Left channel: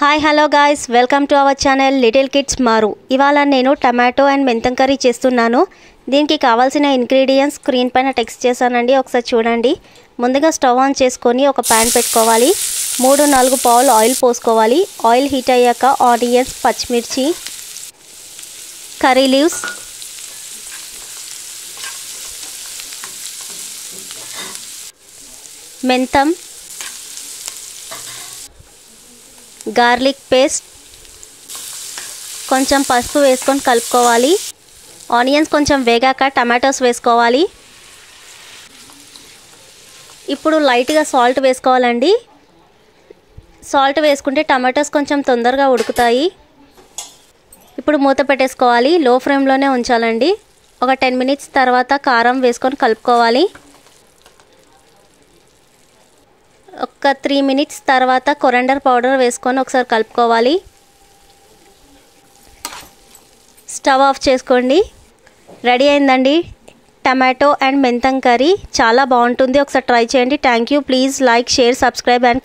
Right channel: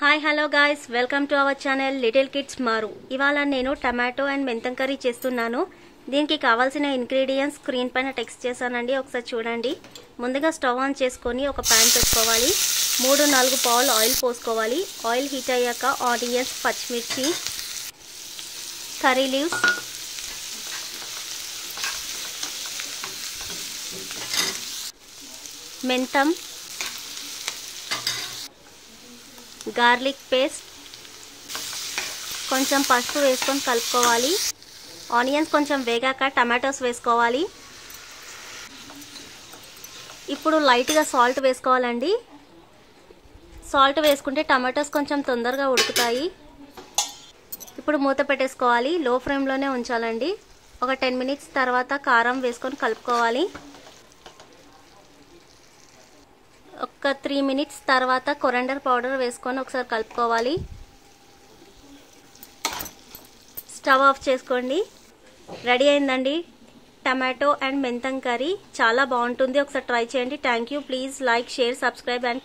Hi hello guys, welcome to our channel little kids మారు. ఇవాళ నేను టమాటో అండ్ మెంతం కర్రీ చేస్తున్నాను. దీనికి కావాల్సిన ఇంగ్రీడియంట్స్ స్క్రీన్ పైన టెక్స్ట్ చేశానండి, ఒకసారి చూడండి. ముందుగా స్టవ్ ఆన్ చేసుకొని ఒక ప్యాన్ పెట్టుకోవాలి. 3-4 పావులు ఆయిల్ పోసుకోవాలి. ఆయిల్ హీట్ అయ్యాక ఆనియన్స్, పచ్చిమిర్చి, కర్రీ లీవ్స్, మెంతం, గార్లిక్ పేస్ట్, కొంచెం పసుపు వేసుకొని కలుపుకోవాలి. ఆనియన్స్ కొంచెం వేగాక టమాటోస్ వేసుకోవాలి. ఇప్పుడు లైట్గా సాల్ట్ వేసుకోవాలండి. సాల్ట్ వేసుకుంటే టమాటోస్ కొంచెం తొందరగా ఉడుకుతాయి. ఇప్పుడు మూత పెట్టేసుకోవాలి. లో ఫ్లేమ్లోనే ఉంచాలండి. ఒక 10 మినిట్స్ తర్వాత కారం వేసుకొని కలుపుకోవాలి. ఒక 3 మినిట్స్ తర్వాత కొరియాండర్ పౌడర్ వేసుకొని ఒకసారి కలుపుకోవాలి. స్టవ్ ఆఫ్ చేసుకోండి. రెడీ అయిందండి టమాటో అండ్ మెంతం కర్రీ. చాలా బాగుంటుంది, ఒకసారి ట్రై చేయండి. Thank you. Please like, share, subscribe and